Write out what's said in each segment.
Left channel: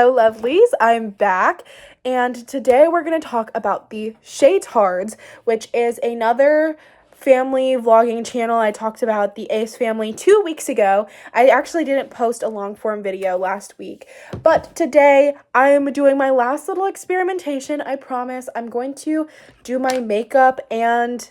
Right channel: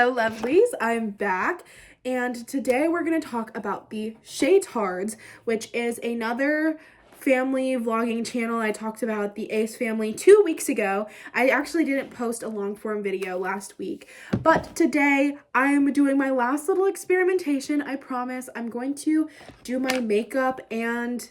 Hello, lovelies. I'm back, and today we're going to talk about the Shaytards, which is another family vlogging channel. I talked about the Ace family 2 weeks ago. I actually didn't post a long form video last week, but today I'm doing my last little experimentation. I promise I'm going to do my makeup and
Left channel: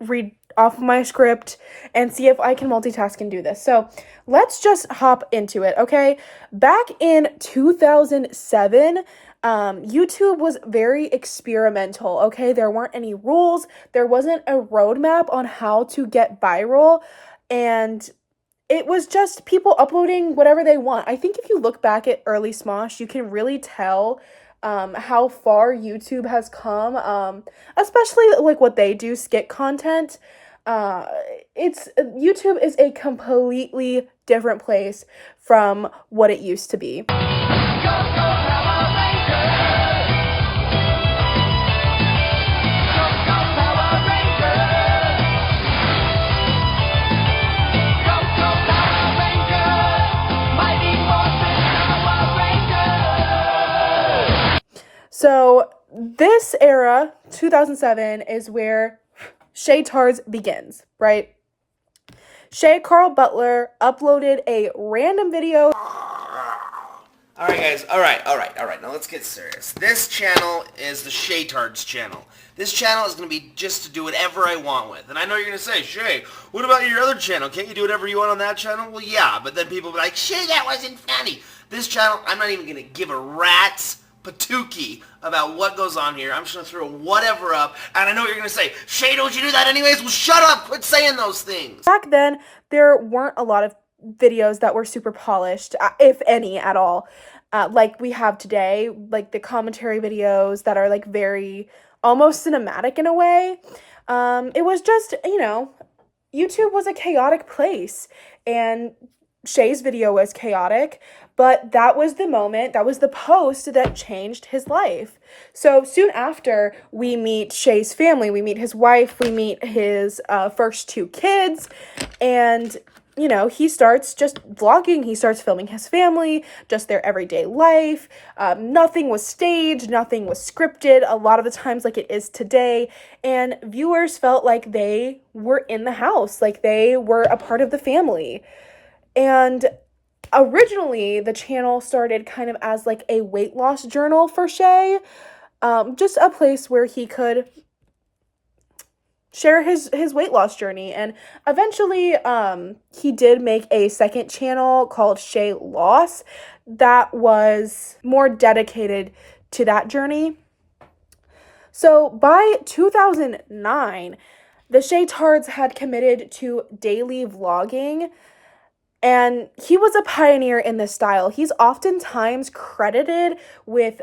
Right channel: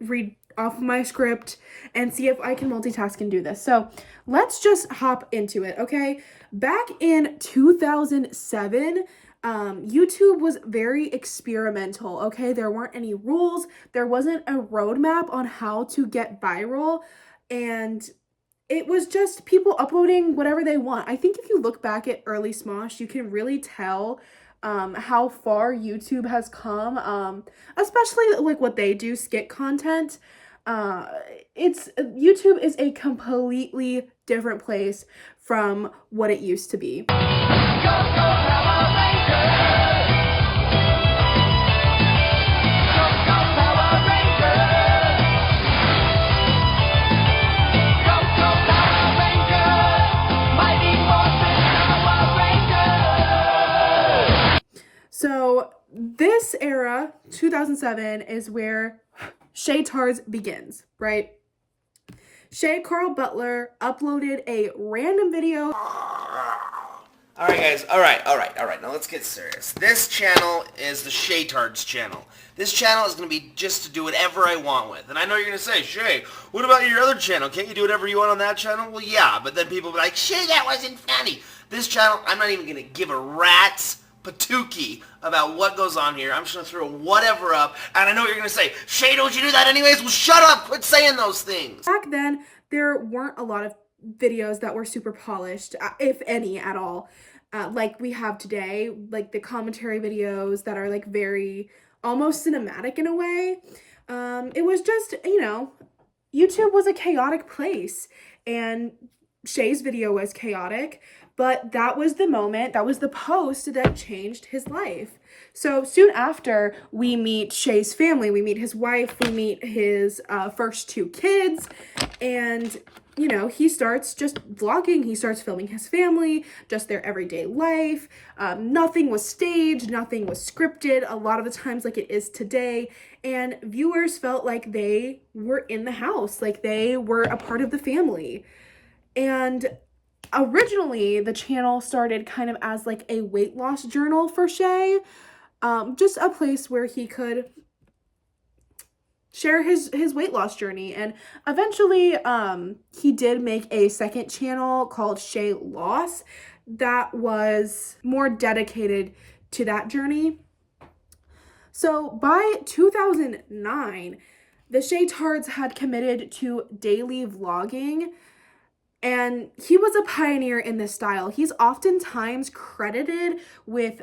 read off my script and see if I can multitask and do this. So let's just hop into it, okay? Back in 2007, YouTube was very experimental, okay? There weren't any rules. There wasn't a roadmap on how to get viral, and it was just people uploading whatever they want. I think if you look back at early Smosh, you can really tell how far YouTube has come, especially like what they do, skit content. YouTube is a completely different place from what it used to be. So this era, 2007, is where Shaytards begins, right? Shay Carl Butler uploaded a random video. Alright guys, alright, now let's get serious. This channel is the Shaytards channel. This channel is going to be just to do whatever I want with. And I know you're going to say, Shay, what about your other channel? Can't you do whatever you want on that channel? Well, yeah, but then people will be like, Shay, that wasn't funny. This channel, I'm not even going to give a rat's patookie about what goes on here. I'm just going to throw whatever up. And I know what you're going to say, Shay, don't you do that anyways? Well, shut up. Quit saying those things. Back then, there weren't a lot of videos that were super polished, if any at all, like we have today, like the commentary videos that are like very almost cinematic in a way. It was just, YouTube was a chaotic place, and Shay's video was chaotic, but that was the moment, that was the post that changed his life. So soon after, we meet Shay's family, we meet his wife, we meet his first two kids, and he starts just vlogging. He starts filming his family, just their everyday life. Nothing was staged, nothing was scripted, a lot of the times like it is today. And viewers felt like they were in the house, like they were a part of the family. And originally, the channel started kind of as like a weight loss journal for Shay. Just a place where he could share his weight loss journey. And eventually he did make a second channel called Shay Loss that was more dedicated to that journey. So by 2009, the Shaytards had committed to daily vlogging, and he was a pioneer in this style. He's oftentimes credited with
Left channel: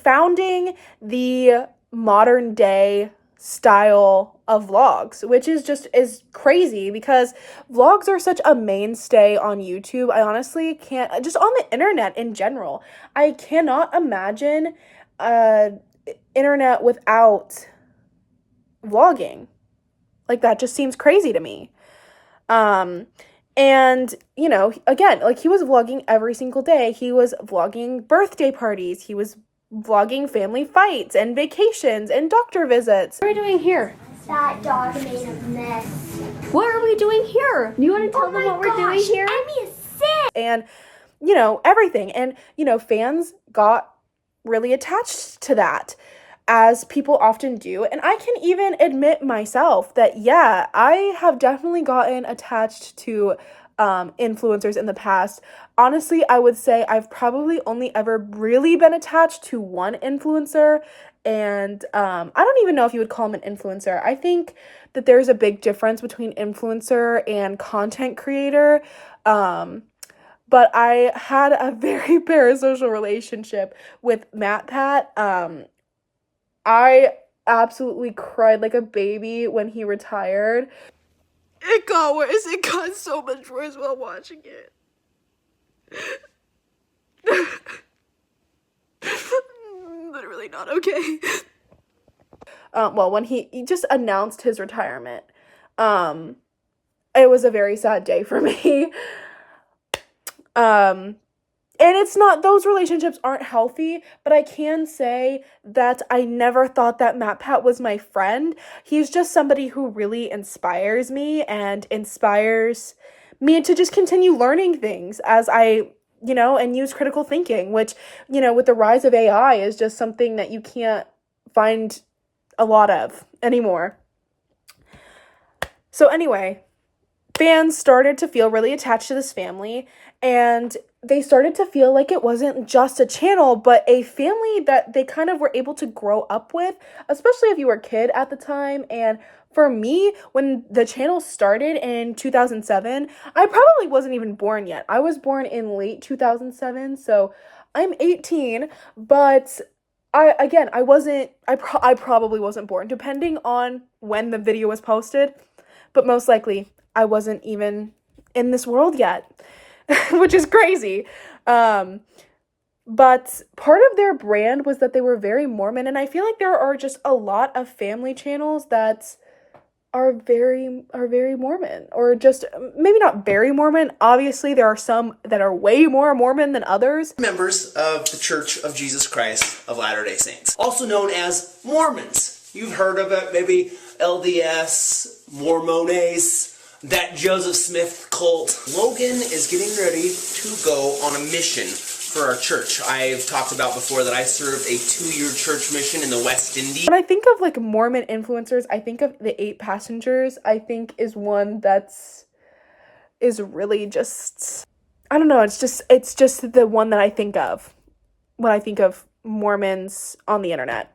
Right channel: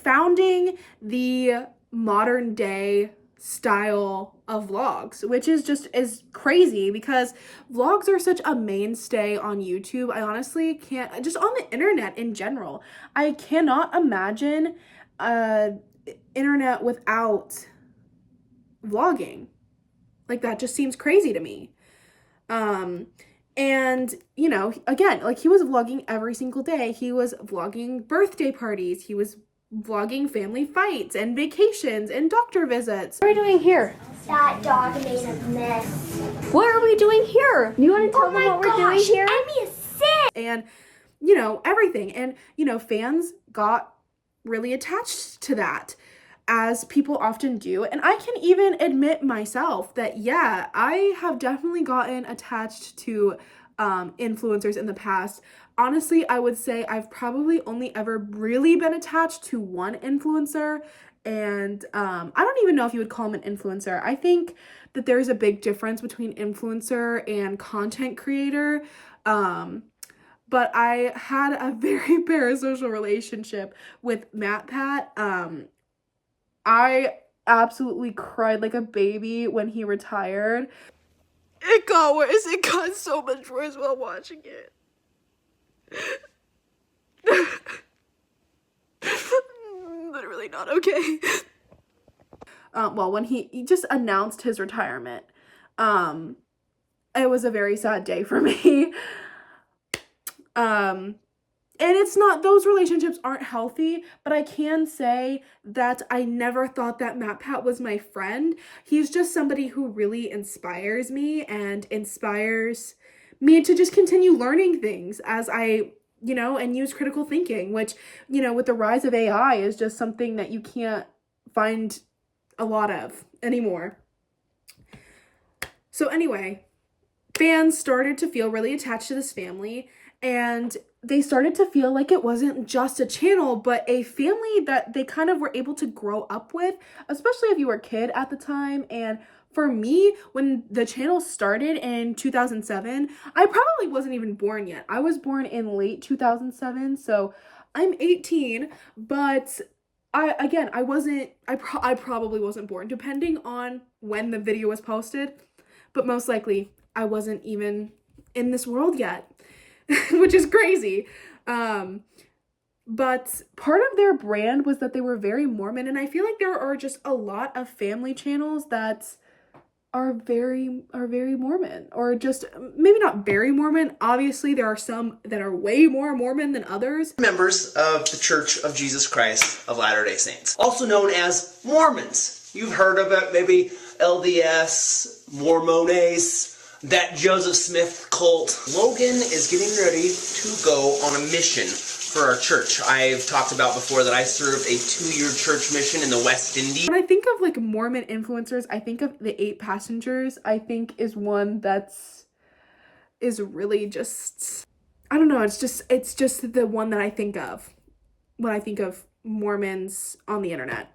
founding the modern day style of vlogs, which is crazy because vlogs are such a mainstay on YouTube. I honestly can't, just on the internet in general, I cannot imagine internet without vlogging. Like, that just seems crazy to me. And, again, like, he was vlogging every single day. He was vlogging birthday parties. He was vlogging family fights and vacations and doctor visits. What are we doing here? That dog made a mess. What are we doing here? You want to tell them what we're doing here? Emmy is sick. And, everything. And, fans got really attached to that, as people often do. And I can even admit myself that, yeah, I have definitely gotten attached to influencers in the past. Honestly, I would say I've probably only ever really been attached to one influencer, and I don't even know if you would call him an influencer. I think that there's a big difference between influencer and content creator, but I had a very parasocial relationship with MatPat. I absolutely cried like a baby when he retired. It got worse. It got so much worse while watching it. Literally not okay. Well, when he just announced his retirement, it was a very sad day for me. And it's not, those relationships aren't healthy, but I can say that I never thought that Matt Pat was my friend. He's just somebody who really inspires me and inspires me to just continue learning things as I, and use critical thinking, which, with the rise of AI is just something that you can't find a lot of anymore. So anyway, fans started to feel really attached to this family, and they started to feel like it wasn't just a channel, but a family that they kind of were able to grow up with, especially if you were a kid at the time. And for me, when the channel started in 2007, I probably wasn't even born yet. I was born in late 2007, so I'm 18, but I probably wasn't born, depending on when the video was posted, but most likely I wasn't even in this world yet. Which is crazy. But part of their brand was that they were very Mormon, and I feel like there are just a lot of family channels that are very Mormon, or just maybe not very Mormon. Obviously, there are some that are way more Mormon than others. Members of the Church of Jesus Christ of Latter-day Saints, also known as Mormons. You've heard of it, maybe LDS, Mormones, that Joseph Smith cult. Logan is getting ready to go on a mission for our church. I've talked about before that I served a 2-year church mission in the West Indies. When I think of like Mormon influencers, I think of the 8 Passengers. I think is one is really just, I don't know, it's just the one that I think of when I think of Mormons on the internet.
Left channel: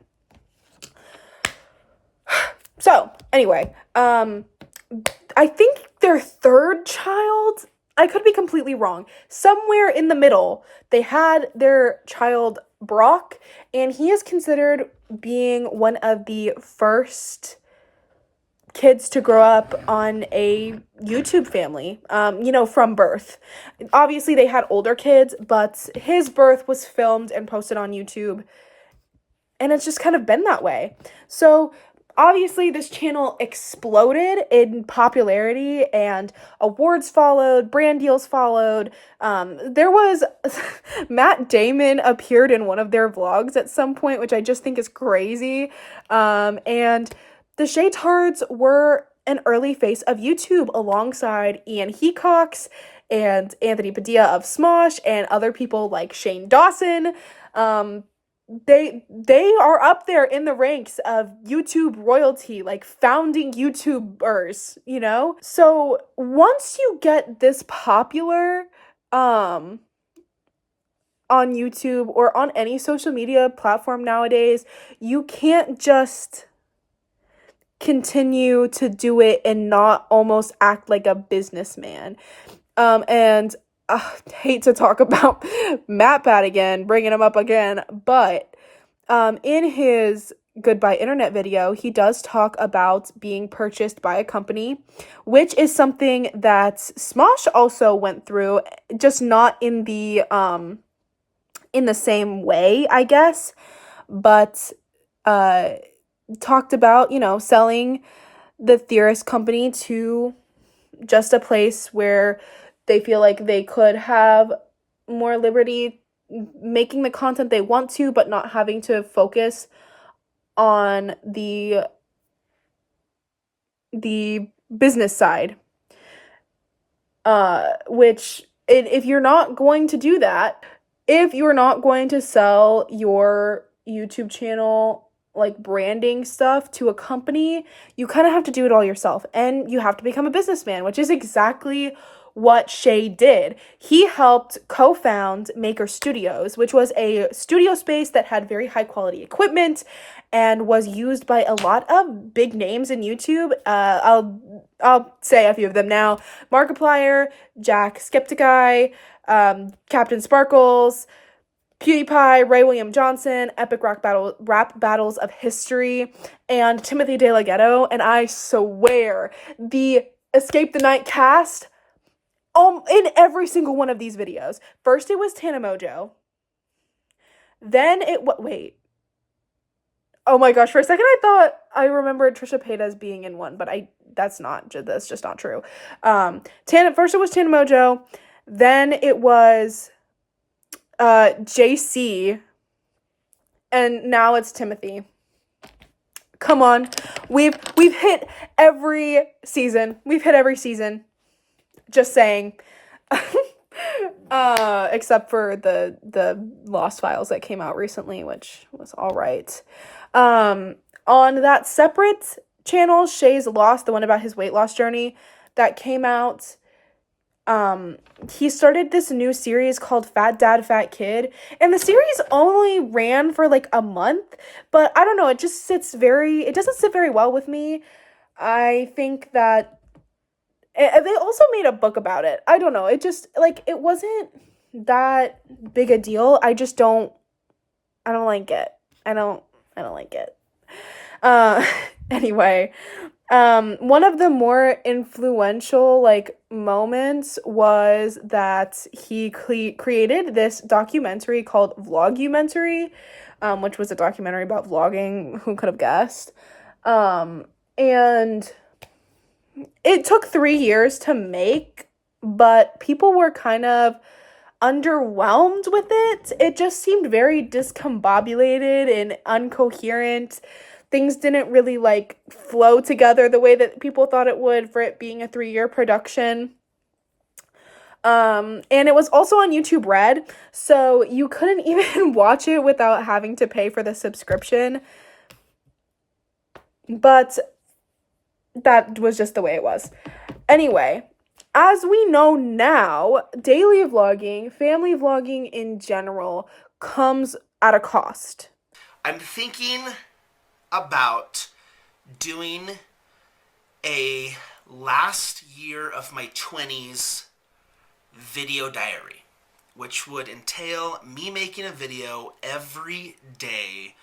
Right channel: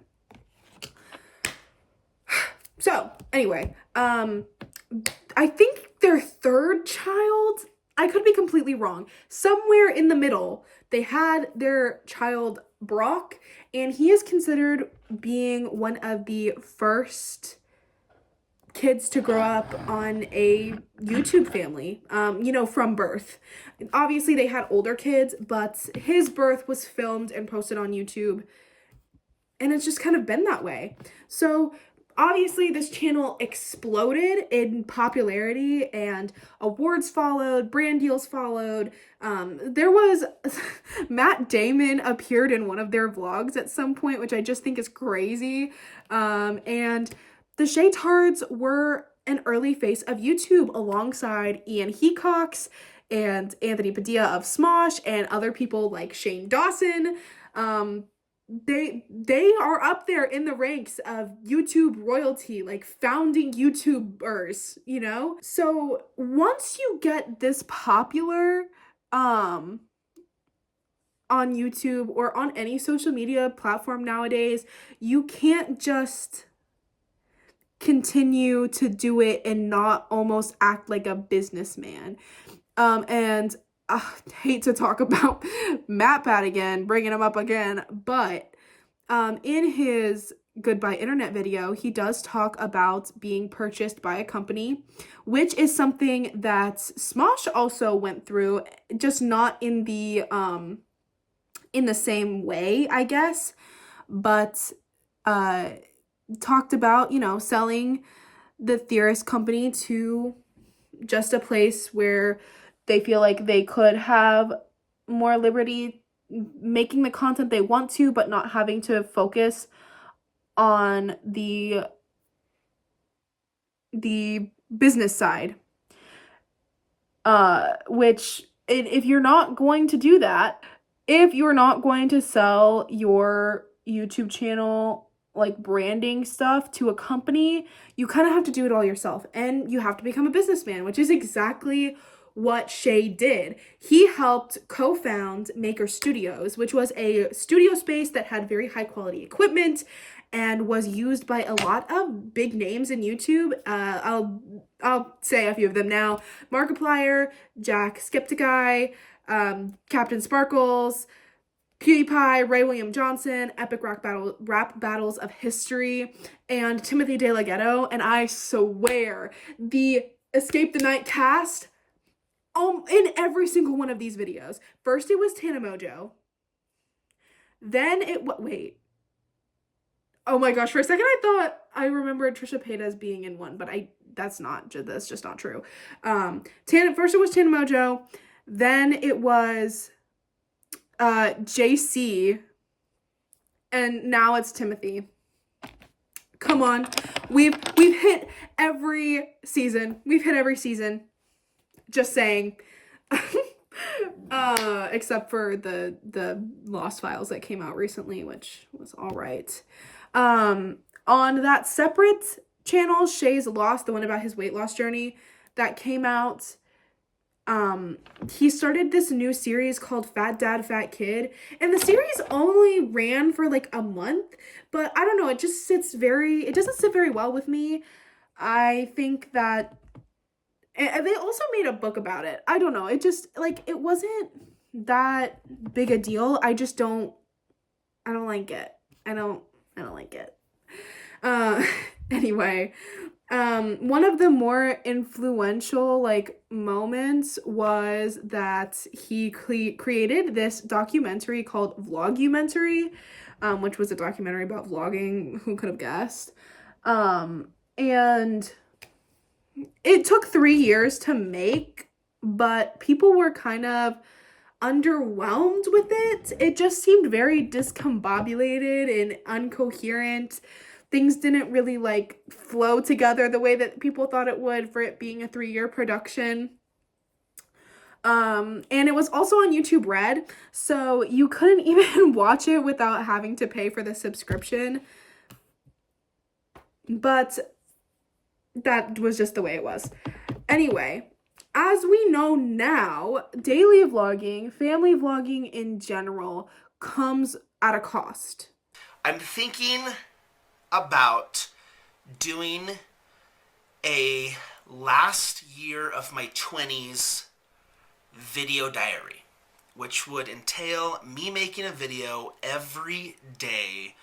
So anyway, I think their 3rd child, I could be completely wrong, somewhere in the middle, they had their child Brock, and he is considered being one of the first kids to grow up on a YouTube family, from birth. Obviously, they had older kids, but his birth was filmed and posted on YouTube, and it's just kind of been that way. So obviously, this channel exploded in popularity, and awards followed, brand deals followed. There was Matt Damon appeared in one of their vlogs at some point, which I just think is crazy. And the Shaytards were an early face of YouTube alongside Ian Hecox and Anthony Padilla of Smosh and other people like Shane Dawson. They are up there in the ranks of YouTube royalty, like founding YouTubers, So once you get this popular on YouTube or on any social media platform nowadays, you can't just continue to do it and not almost act like a businessman. And hate to talk about Matt Pat again, bringing him up again, but in his Goodbye Internet video, he does talk about being purchased by a company, which is something that Smosh also went through, just not in the same way, I guess, but talked about, selling the Theorist company to just a place where they feel like they could have more liberty making the content they want to, but not having to focus on the business side. Which, if you're not going to do that, if you're not going to sell your YouTube channel, like branding stuff, to a company, you kind of have to do it all yourself, and you have to become a businessman, which is exactly what Shay did. He helped co-found Maker Studios, which was a studio space that had very high quality equipment and was used by a lot of big names in YouTube. I'll say a few of them now: Markiplier, Jack Skepticeye, Captain Sparkles, PewDiePie, Ray William Johnson, Epic Rap Battles of History, and Timothy De La Ghetto. And I swear, the Escape the Night cast, in every single one of these videos. First it was Tana Mojo. Then wait. Oh my gosh, for a second I thought I remembered Trisha Paytas being in one, but that's just not true. First it was Tana Mojo, then it was JC, and now it's Timothy. Come on. We've hit every season. We've hit every season. Just saying. Except for the Lost Files that came out recently, which was all right. On that separate channel, Shay's Lost, the one about his weight loss journey that came out, he started this new series called Fat Dad, Fat Kid, and the series only ran for like a month, but I don't know, it doesn't sit very well with me. I think that they also made a book about it. I don't know, it just, like, it wasn't that big a deal. I don't like it. I don't like it. Anyway, one of the more influential, like, moments was that he created this documentary called Vlogumentary, which was a documentary about vlogging. Who could have guessed? And it took 3 years to make, but people were kind of underwhelmed with it. It just seemed very discombobulated and incoherent. Things didn't really, like, flow together the way that people thought it would for it being a 3-year production. And it was also on YouTube Red, so you couldn't even watch it without having to pay for the subscription. But that was just the way it was. Anyway, as we know now, daily vlogging, family vlogging in general, comes at a cost. I'm thinking about doing a last year of my 20s video diary, which would entail me making a video every day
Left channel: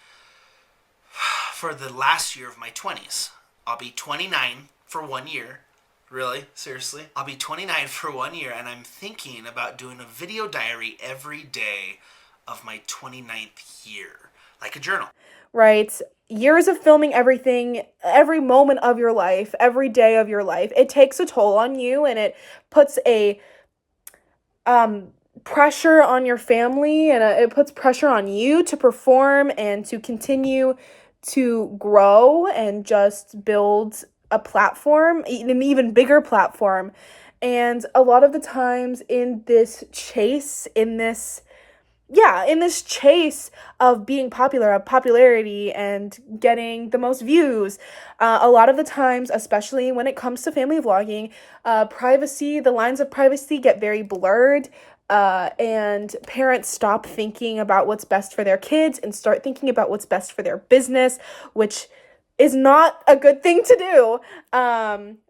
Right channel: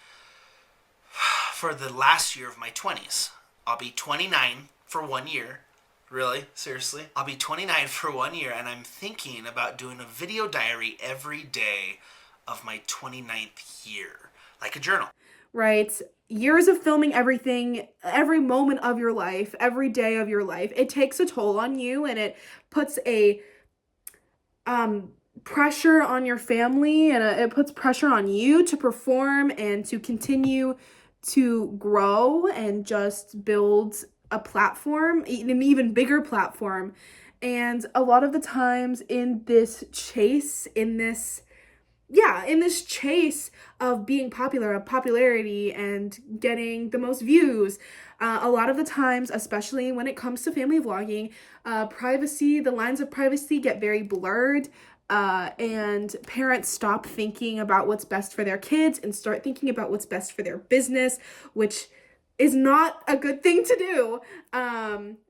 for the last year of my 20s. I'll be 29 for 1 year. Really? Seriously? I'll be 29 for 1 year, and I'm thinking about doing a video diary every day of my 29th year. Like a journal. Right? Years of filming everything, every moment of your life, every day of your life. It takes a toll on you, and it puts a pressure on your family, and it puts pressure on you to perform and to continue to grow and just build a platform, an even bigger platform. And a lot of the times in this chase, in this chase of being popular, of popularity and getting the most views, a lot of the times, especially when it comes to family vlogging, the lines of privacy get very blurred. And parents stop thinking about what's best for their kids and start thinking about what's best for their business, which is not a good thing to do.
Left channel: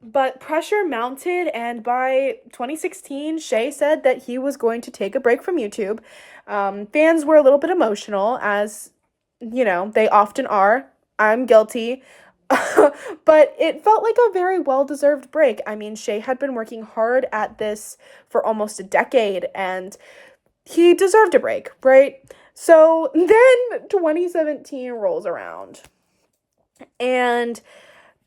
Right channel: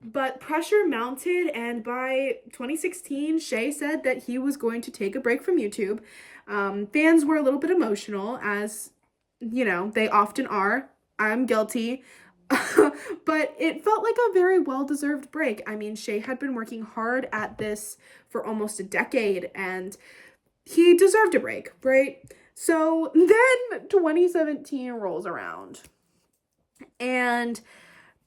But pressure mounted, and by 2016, Shay said that he was going to take a break from YouTube. Fans were a little bit emotional, as, you know, they often are. I'm guilty. But it felt like a very well-deserved break. I mean, Shay had been working hard at this for almost a decade, and he deserved a break, right? So then 2017 rolls around, and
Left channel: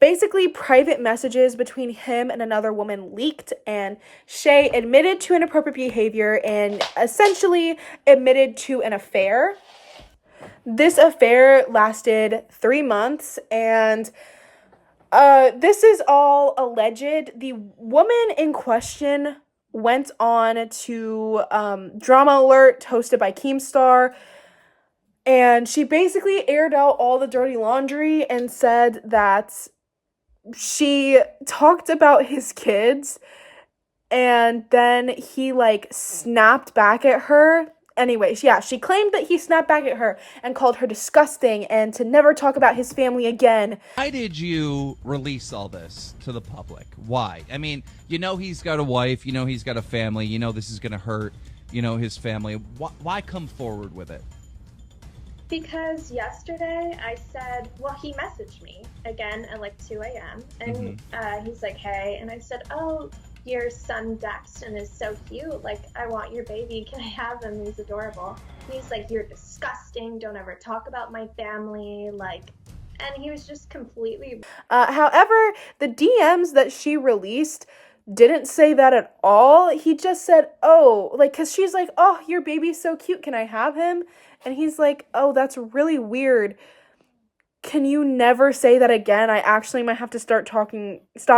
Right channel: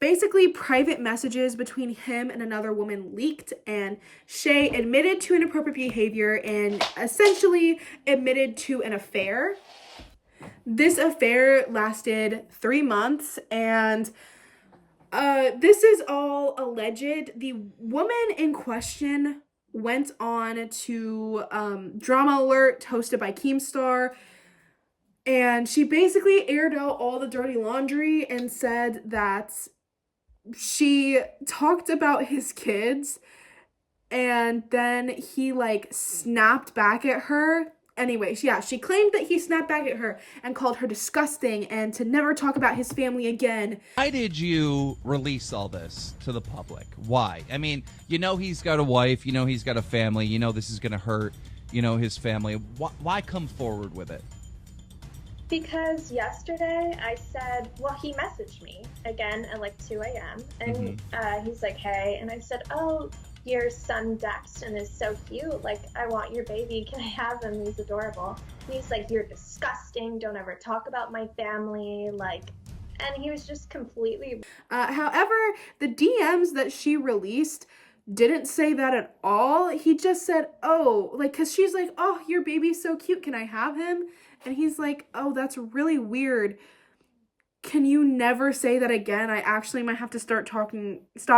basically private messages between him and another woman leaked, and Shay admitted to inappropriate behavior and essentially admitted to an affair. This affair lasted 3 months, and this is all alleged. The woman in question went on to Drama Alert, hosted by Keemstar, and she basically aired out all the dirty laundry and said that she talked about his kids, and then he, like, snapped back at her. Anyways, yeah, she claimed that he snapped back at her and called her disgusting and to never talk about his family again. Why did you release all this to the public? Why? I mean, you know he's got a wife, you know he's got a family, you know this is going to hurt, you know, his family. Why come forward with it? Because yesterday I said, well, he messaged me again at like 2 a.m. and he's like, hey, and I said, oh, your son Daxton is so cute, like, I want your baby, can I have him, he's adorable. And he's like, you're disgusting, don't ever talk about my family, like, and he was just completely... However, the DMs that she released didn't say that at all. He just said, oh, like, because she's like, oh, your baby's so cute. Can I have him? And he's like, oh, that's really weird. Can you never say that again? I actually might have to stop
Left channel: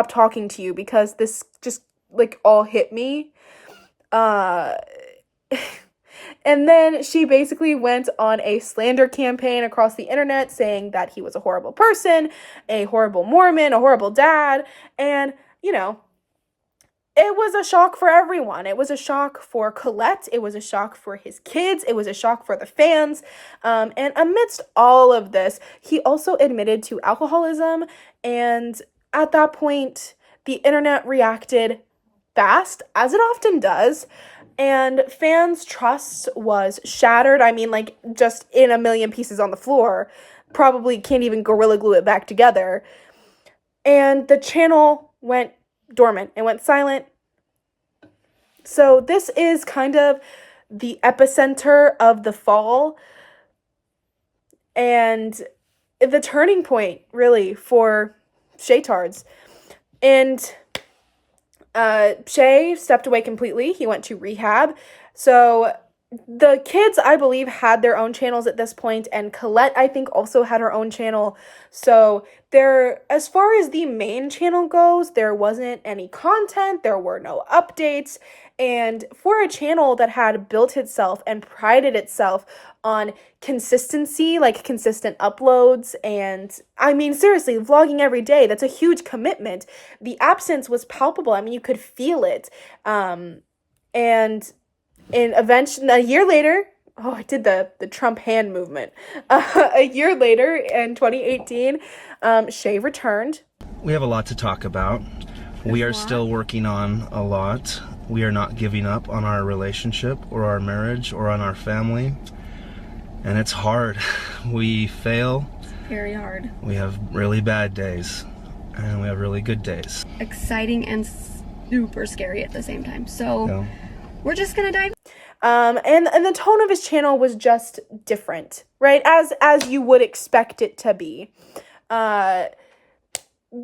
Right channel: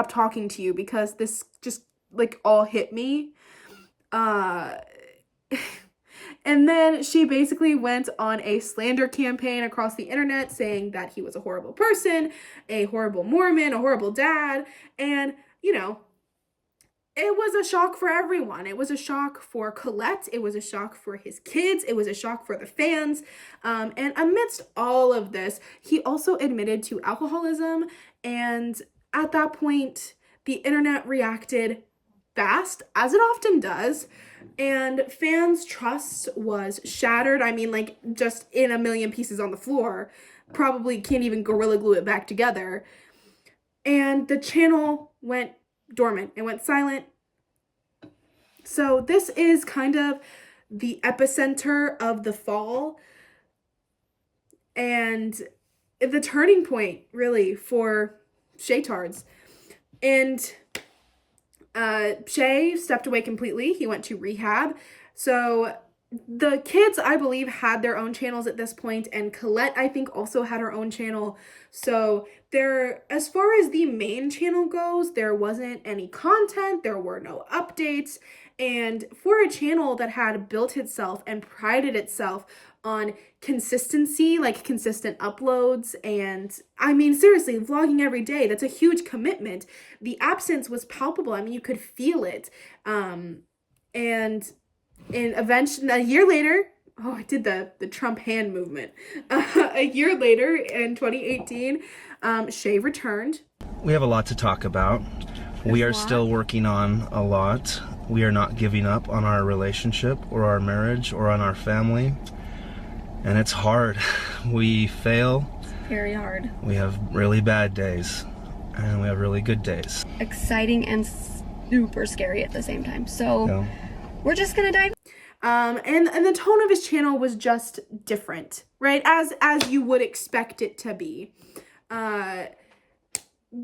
talking to you because this just, like, all hit me. And then she basically went on a slander campaign across the internet saying that he was a horrible person, a horrible Mormon, a horrible dad, and, you know, it was a shock for everyone. It was a shock for Colette. It was a shock for his kids. It was a shock for the fans. And amidst all of this, he also admitted to alcoholism. And at that point, the internet reacted fast, as it often does. And fans' trust was shattered. I mean, like, just in a million pieces on the floor. Probably can't even Gorilla Glue it back together. And the channel went dormant. It went silent. So this is kind of the epicenter of the fall and the turning point, really, for Shaytards. And Shay stepped away completely. He went to rehab. So the kids, I believe, had their own channels at this point, and Colette, I think, also had her own channel. So there, as far as the main channel goes, there wasn't any content, there were no updates, and for a channel that had built itself and prided itself on consistency, like consistent uploads, and I mean, seriously, vlogging every day, that's a huge commitment. The absence was palpable. I mean, you could feel it. And eventually, a year later, oh, I did the Trump hand movement. A year later, in 2018, Shay returned. We have a lot to talk about. We are still working on a lot. We are not giving up on our relationship or our marriage or on our family. And it's hard. We fail. Very hard. We have really bad days. And we have really good days. Exciting and super scary at the same time. So we're just gonna dive. And the tone of his channel was just different, right? As you would expect it to be.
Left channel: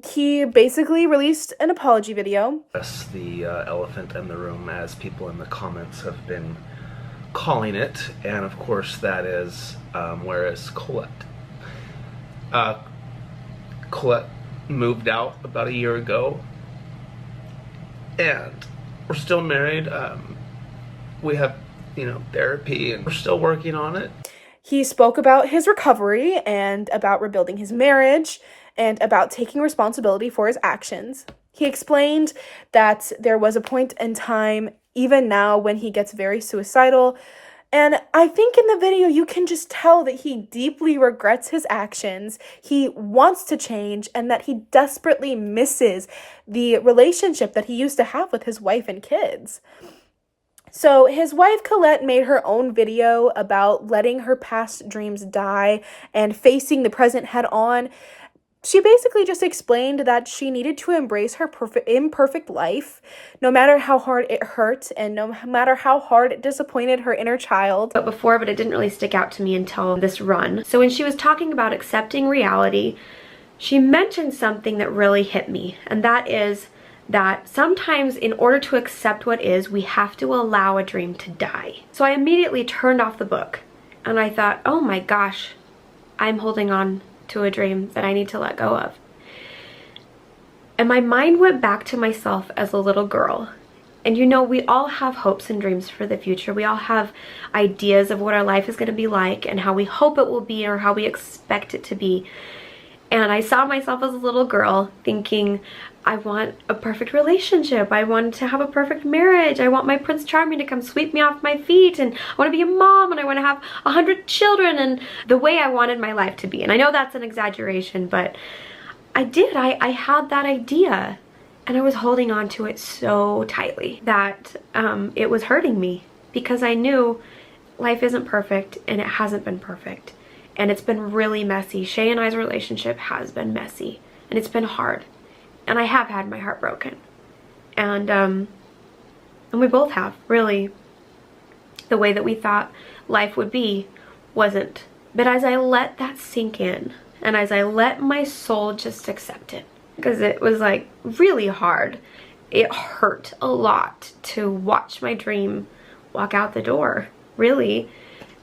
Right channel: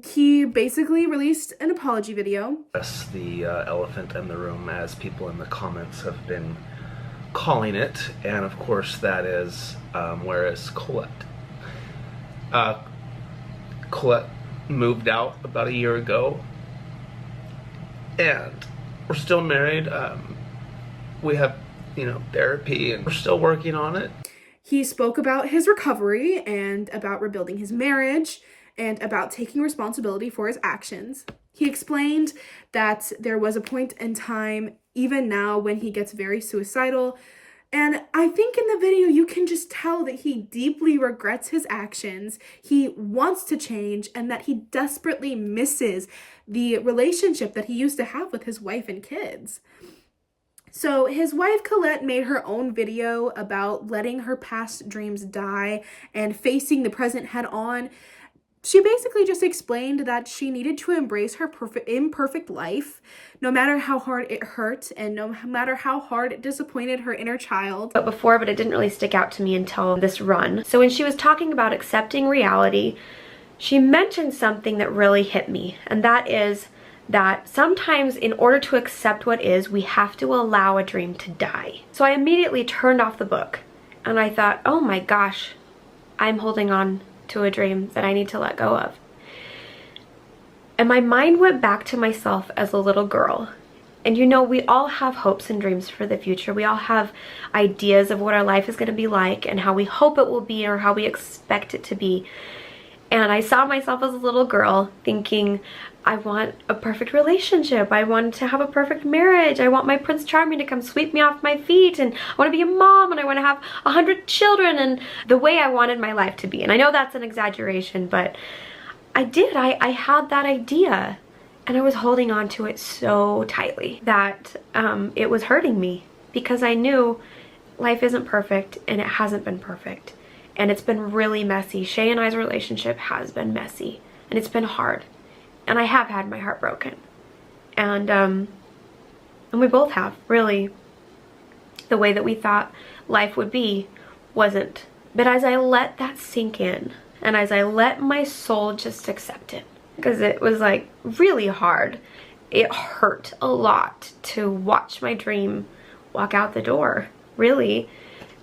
He basically released an apology video. That's the elephant in the room, as people in the comments have been calling it. And of course that is, where is Colette? Colette moved out about a year ago. And we're still married. We have, therapy, and we're still working on it. He spoke about his recovery and about rebuilding his marriage and about taking responsibility for his actions. He explained that there was a point in time, even now, when he gets very suicidal. And I think in the video, you can just tell that he deeply regrets his actions. He wants to change, and that he desperately misses the relationship that he used to have with his wife and kids. So his wife Colette made her own video about letting her past dreams die and facing the present head on. She basically just explained that she needed to embrace her imperfect life, no matter how hard it hurt and no matter how hard it disappointed her inner child. But it didn't really stick out to me until this run. So when she was talking about accepting reality, she mentioned something that really hit me, and that is that sometimes in order to accept what is, we have to allow a dream to die. So I immediately turned off the book and I thought, oh my gosh, I'm holding on to a dream that I need to let go of. And my mind went back to myself as a little girl. And we all have hopes and dreams for the future. We all have ideas of what our life is going to be like and how we hope it will be or how we expect it to be. And I saw myself as a little girl thinking, I want a perfect relationship. I want to have a perfect marriage. I want my Prince Charming to come sweep me off my feet. And I want to be a mom and I want to have 100 children and the way I wanted my life to be. And I know that's an exaggeration, but I did. I had that idea and I was holding on to it so tightly that it was hurting me because I knew life isn't perfect and it hasn't been perfect. And it's been really messy. Shay and I's relationship has been messy and it's been hard. And I have had my heart broken. And we both have, really. The way that we thought life would be wasn't. But as I let that sink in, and as I let my soul just accept it, because it was like really hard, it hurt a lot to watch my dream walk out the door, really,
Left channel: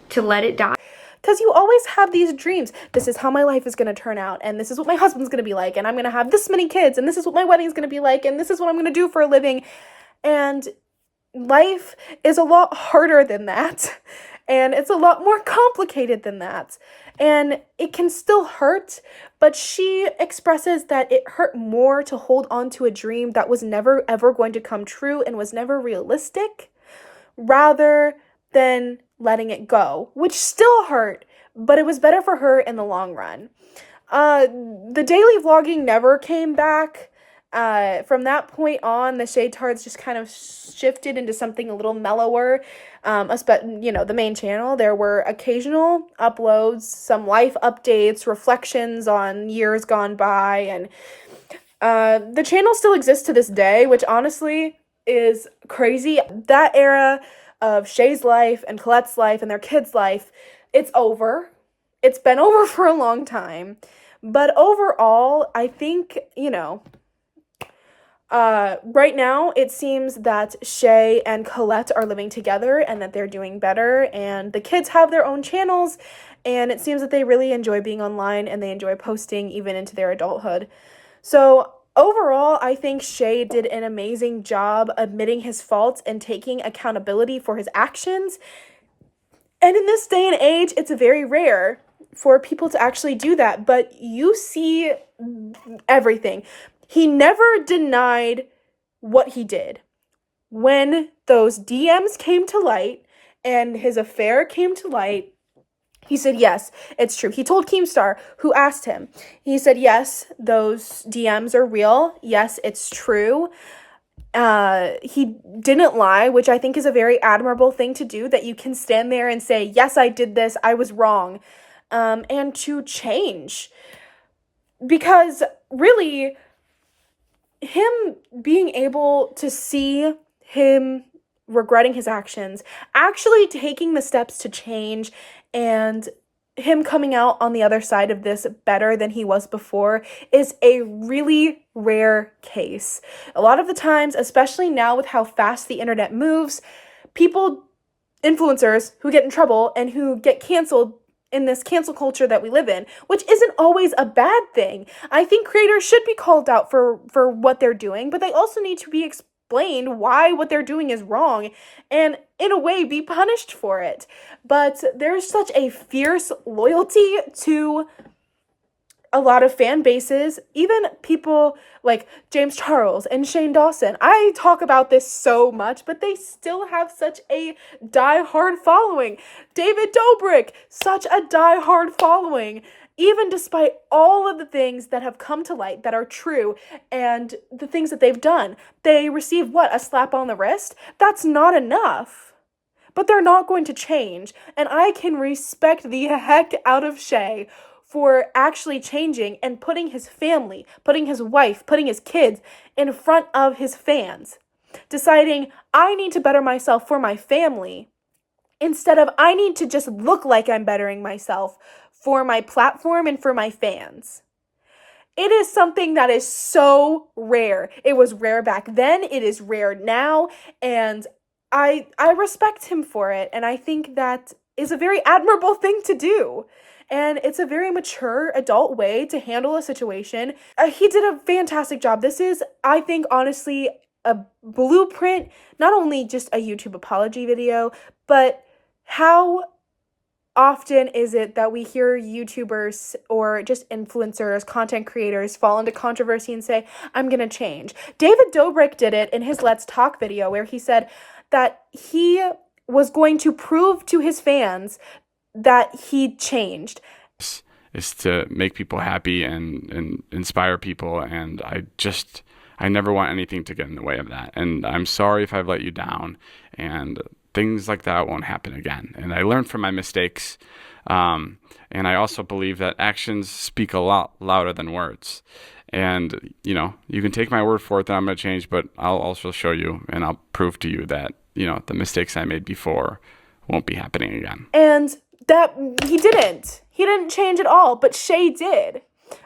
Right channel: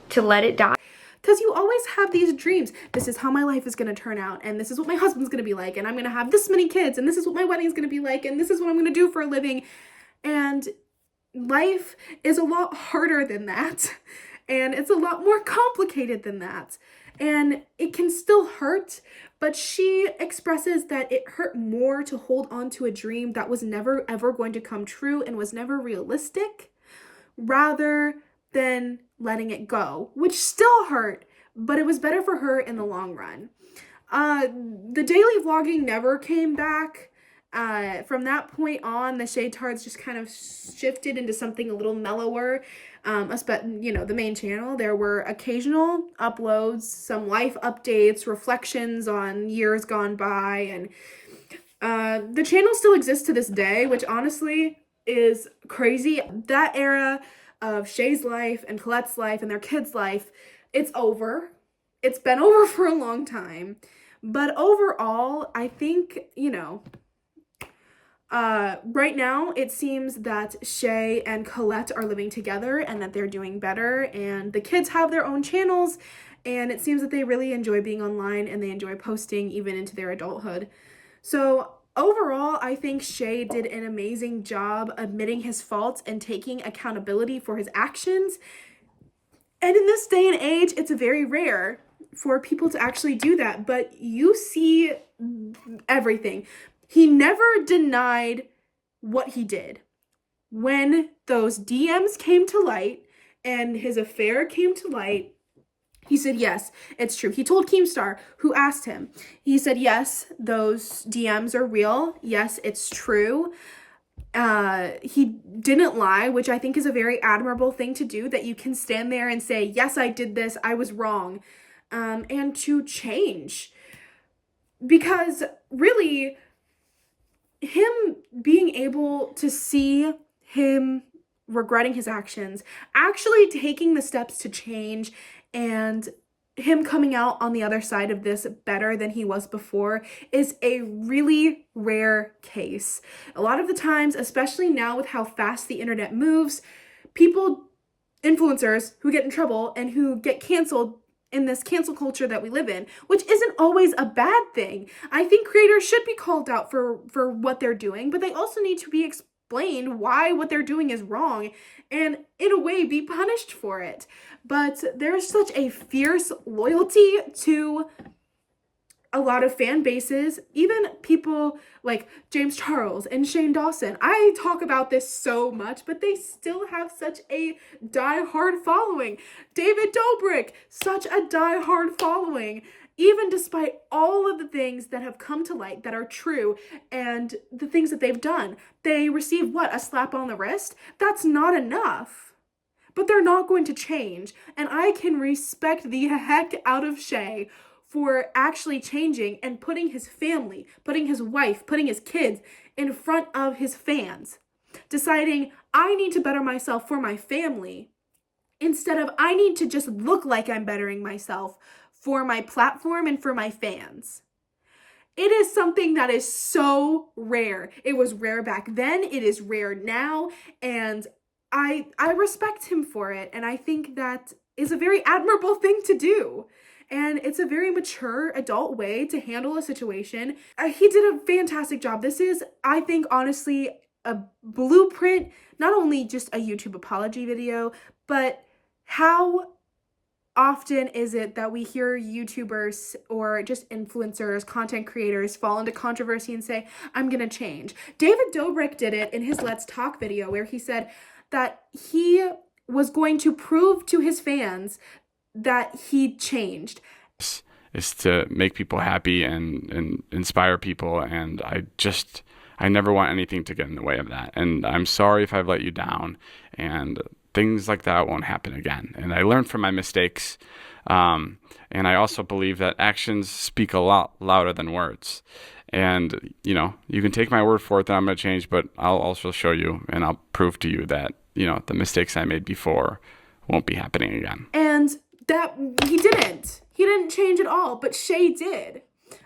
to let it die. Because you always have these dreams. This is how my life is going to turn out, and this is what my husband's going to be like, and I'm going to have this many kids, and this is what my wedding's going to be like, and this is what I'm going to do for a living. And life is a lot harder than that, and it's a lot more complicated than that. And it can still hurt, but she expresses that it hurt more to hold on to a dream that was never ever going to come true and was never realistic, rather than letting it go, which still hurt, but it was better for her in the long run. The daily vlogging never came back. From that point on, the Shaytards just kind of shifted into something a little mellower. The main channel, there were occasional uploads, some life updates, reflections on years gone by, and the channel still exists to this day, which honestly is crazy. That era of Shay's life and Colette's life and their kids' life, it's over. It's been over for a long time. But overall, I think, right now it seems that Shay and Colette are living together and that they're doing better, and the kids have their own channels, and it seems that they really enjoy being online and they enjoy posting even into their adulthood. So overall, I think Shay did an amazing job admitting his faults and taking accountability for his actions. And in this day and age, it's very rare for people to actually do that, but you see everything. He never denied what he did. When those DMs came to light and his affair came to light, he said, yes, it's true. He told Keemstar, who asked him, he said, yes, those DMs are real. Yes, it's true. He didn't lie, which I think is a very admirable thing to do, that you can stand there and say, yes, I did this, I was wrong, and to change. Because really, him being able to see him regretting his actions, actually taking the steps to change, and him coming out on the other side of this better than he was before is a really rare case. A lot of the times, especially now with how fast the internet moves, influencers who get in trouble and who get canceled in this cancel culture that we live in, which isn't always a bad thing. I think creators should be called out for what they're doing, but they also need to be explained why what they're doing is wrong and in a way be punished for it. But there's such a fierce loyalty to a lot of fan bases, even people like James Charles and Shane Dawson. I talk about this so much, but they still have such a die-hard following. David Dobrik, such a die-hard following. Even despite all of the things that have come to light that are true and the things that they've done, they receive a slap on the wrist? That's not enough. But they're not going to change. And I can respect the heck out of Shay for actually changing and putting his family, putting his wife, putting his kids in front of his fans. Deciding, I need to better myself for my family, instead of I need to just look like I'm bettering myself for my platform and for my fans. It is something that is so rare. It was rare back then, it is rare now, and I respect him for it, and I think that is a very admirable thing to do. And it's a very mature adult way to handle a situation. He did a fantastic job. This is, I think, honestly, a blueprint, not only just a YouTube apology video, but how often is it that we hear YouTubers or just influencers, content creators fall into controversy and say, I'm gonna change. David Dobrik did it in his Let's Talk video where he said that he was going to prove to his fans that he changed. Is to make people happy and inspire people, and I never want anything to get in the way of that. And I'm sorry if I've let you down, and things like that won't happen again. And I learned from my mistakes, and I also believe that actions speak a lot louder than words. And you can take my word for it that I'm going to change, but I'll also show you and I'll prove to you that the mistakes I made before won't be happening again. And that he didn't change at all, but Shay did.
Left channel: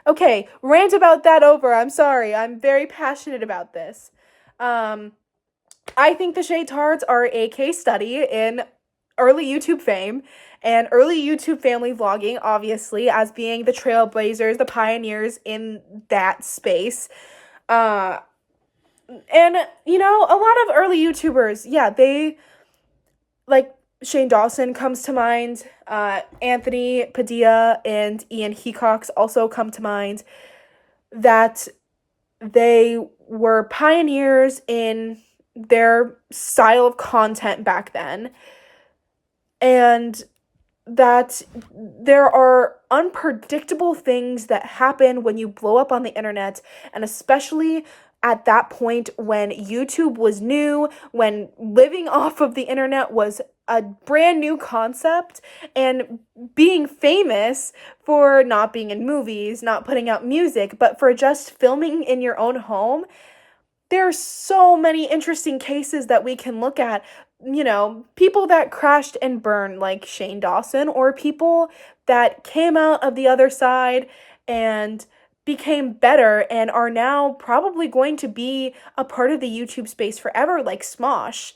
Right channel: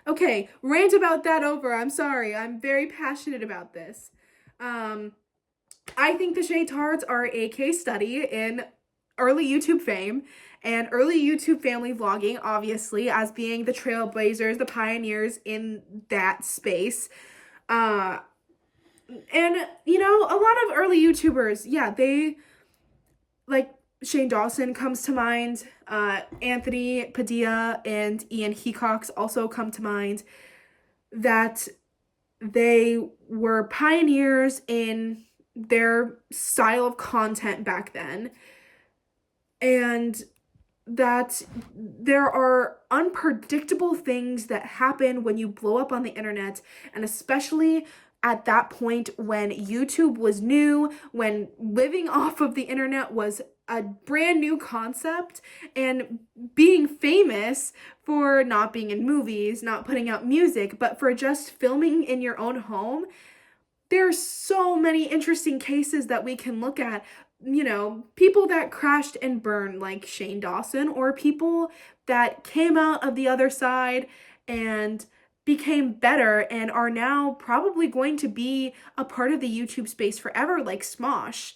Okay, rant about that over. I'm sorry. I'm very passionate about this. I think the Shaytards are a case study in early YouTube fame and early YouTube family vlogging, obviously, as being the trailblazers, the pioneers in that space. And, you know, a lot of early YouTubers, yeah, they, like, Shane Dawson comes to mind, Anthony Padilla and Ian Hecox also come to mind, that they were pioneers in their style of content back then, and that there are unpredictable things that happen when you blow up on the internet, and especially at that point when YouTube was new, when living off of the internet was a brand new concept, and being famous for not being in movies, not putting out music, but for just filming in your own home. There are so many interesting cases that we can look at, you know, people that crashed and burned like Shane Dawson, or people that came out of the other side and became better and are now probably going to be a part of the YouTube space forever, like Smosh.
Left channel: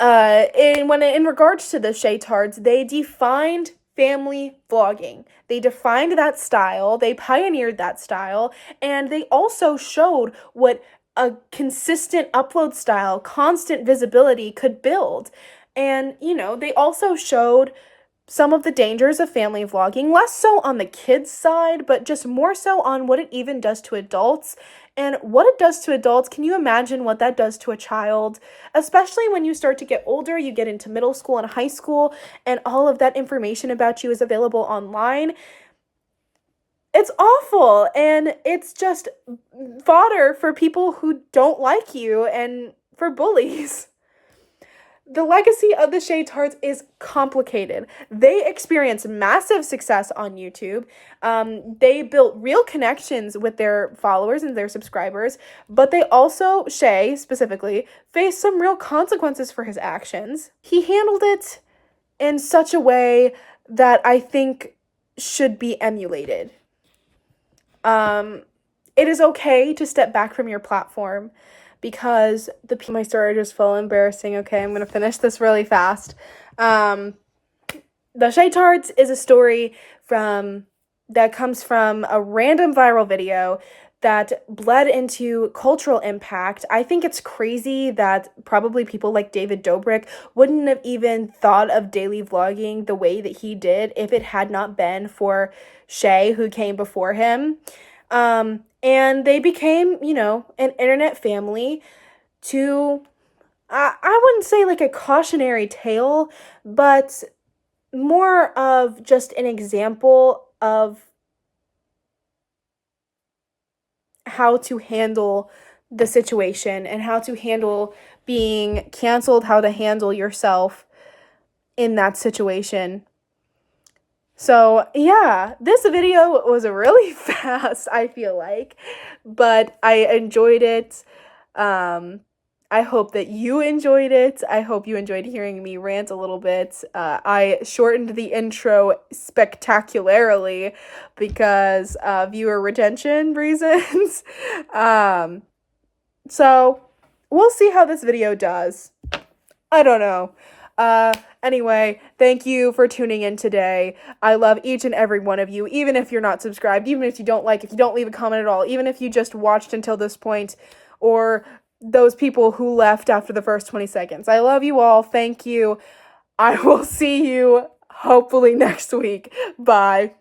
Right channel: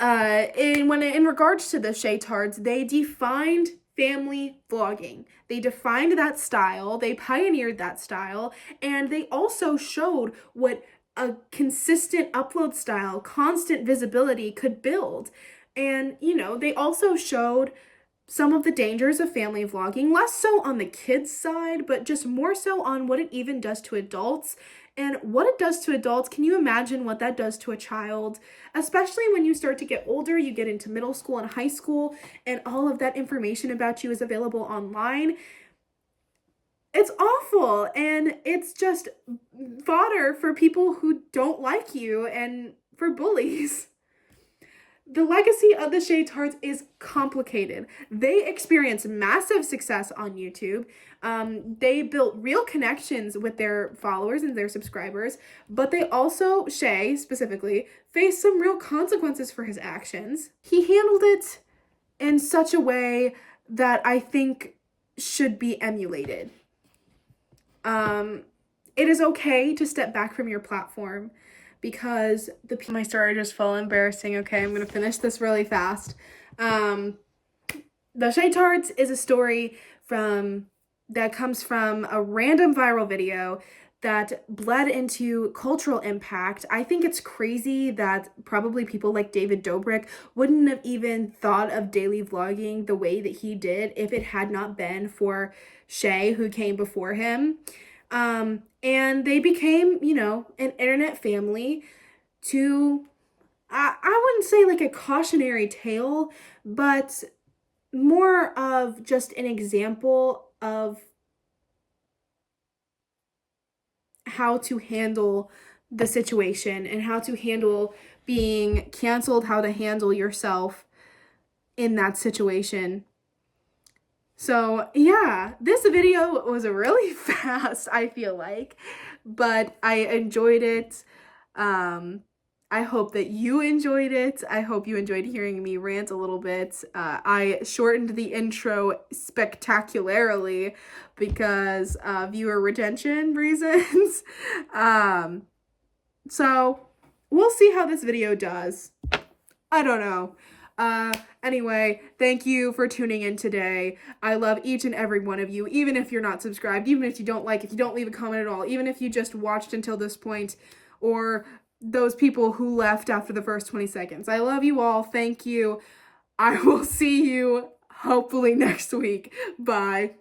In regards to the Shaytards, they defined family vlogging. They defined that style, they pioneered that style, and they also showed what a consistent upload style, constant visibility could build. And, you know, they also showed some of the dangers of family vlogging, less so on the kids' side, but just more so on what it even does to adults. And what it does to adults, can you imagine what that does to a child? Especially when you start to get older, you get into middle school and high school, and all of that information about you is available online. It's awful, and it's just fodder for people who don't like you and for bullies. The legacy of the Shaytards is complicated. They experienced massive success on YouTube. They built real connections with their followers and their subscribers, but they also, Shay specifically, faced some real consequences for his actions. He handled it in such a way that I think should be emulated. It is okay to step back from your platform, because my story just felt embarrassing. Okay, I'm gonna finish this really fast. The Shaytards is a story that comes from a random viral video that bled into cultural impact. I think it's crazy that probably people like David Dobrik wouldn't have even thought of daily vlogging the way that he did if it had not been for Shay, who came before him. And they became, you know, an internet family to, I wouldn't say like a cautionary tale, but more of just an example of how to handle the situation and how to handle being canceled, how to handle yourself in that situation. So, yeah, this video was really fast, I feel like, but I enjoyed it. I hope that you enjoyed it. I hope you enjoyed hearing me rant a little bit. I shortened the intro spectacularly because viewer retention reasons. So, we'll see how this video does. I don't know. Anyway, thank you for tuning in today. I love each and every one of you, even if you're not subscribed, even if you don't like, if you don't leave a comment at all, even if you just watched until this point, or those people who left after the first 20 seconds. I love you all. Thank you. I will see you hopefully next week. Bye.